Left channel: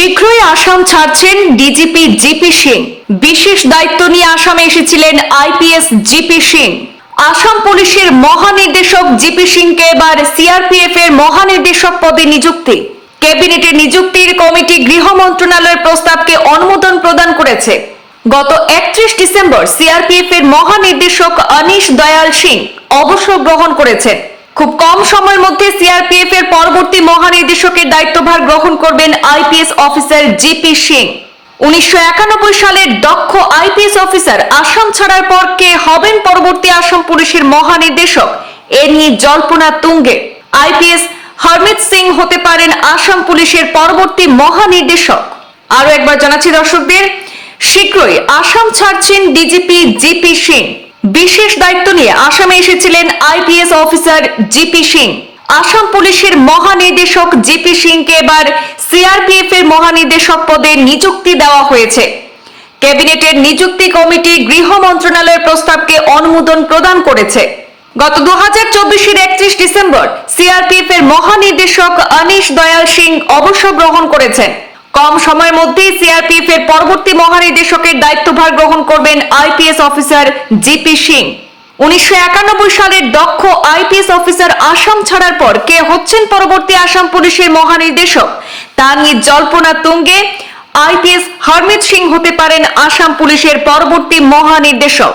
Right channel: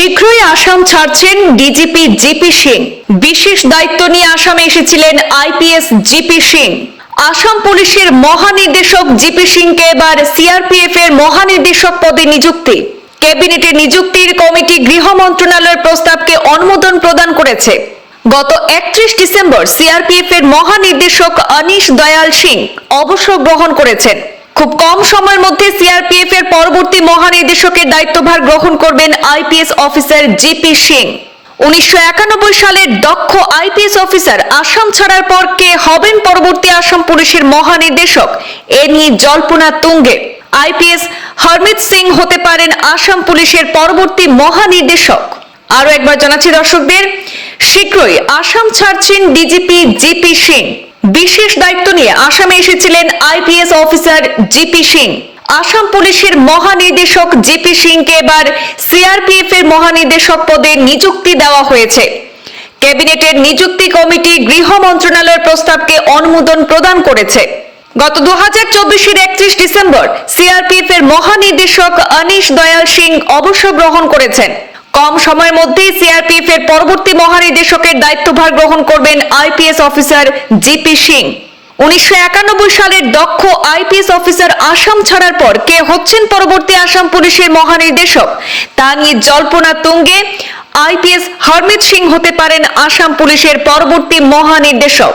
শীঘ্রই আসাম ছাড়ছেন DGP GP Singh. বিশেষ দায়িত্ব নিয়ে আসামে এসেছিলেন আইপিএস জিপি সিং। আসাম পুলিশের মহানির্দেশক জিপি সিংকে এবার সিআরপিএফ এর মহানির্দেশক পদে নিযুক্তি। ক্যাবিনেটের নিযুক্তির কমিটি গৃহ মন্ত্রণালয়ের প্রস্তাবকে অনুমোদন প্রদান করেছে। গত 31 ডিসেম্বর সিআরপিএফ এর মহানির্দেশক অনিশ দয়াল সিং অবসর গ্রহণ করেছেন। খুব কম সময়ের মধ্যে সিআরপিএফ এর পরবর্তী মহানির্দেশকের দায়িত্বভার গ্রহণ করবেন আইপিএস অফিসার জিপি সিং। 1991 সালের দক্ষ আইপিএস অফিসার আসাম ছাড়ার পর কে হবেন পরবর্তী আসাম পুলিশের মহানির্দেশক এ নিয়ে জল্পনা তুঙ্গে। আইপিএস হরমিত সিং হতে পারেন আসাম পুলিশের পরবর্তী মহানির্দেশক। আরো একবার জানাচ্ছি দর্শকদের, শীঘ্রই আসাম ছাড়ছেন ডিজিপি জিপি সিং। বিশেষ দায়িত্ব নিয়ে আসামে এসেছিলেন IPS officer GP Singh. Assam পুলিশের মহানির্দেশক জিপি সিংকে এবার সিআরপিএফ এর মহানির্দেশক পদে নিযুক্তি দেওয়া হয়েছে। ক্যাবিনেটের নিযুক্তি কমিটি গৃহ মন্ত্রণালয়ের প্রস্তাবকে অনুমোদন প্রদান করেছে। গত 2024 এর 31 ডিসেম্বর সিআরপিএফ এর মহানির্দেশক অনিশ দয়াল সিং অবসর গ্রহণ করেছেন। কম সময়ের মধ্যেই সিআরপিএফ এর পরবর্তী মহানির্দেশকের দায়িত্বভার গ্রহণ করবেন আইপিএস অফিসার জিপি সিং। 1991 সালের দক্ষ আইপিএস অফিসার আসাম ছাড়ার পর কে হচ্ছেন পরবর্তী আসাম পুলিশের মহানির্দেশক তা নিয়ে জল্পনা তুঙ্গে। আইপিএস হরমিত সিং হতে পারেন আসাম পুলিশের পরবর্তী মহানির্দেশক।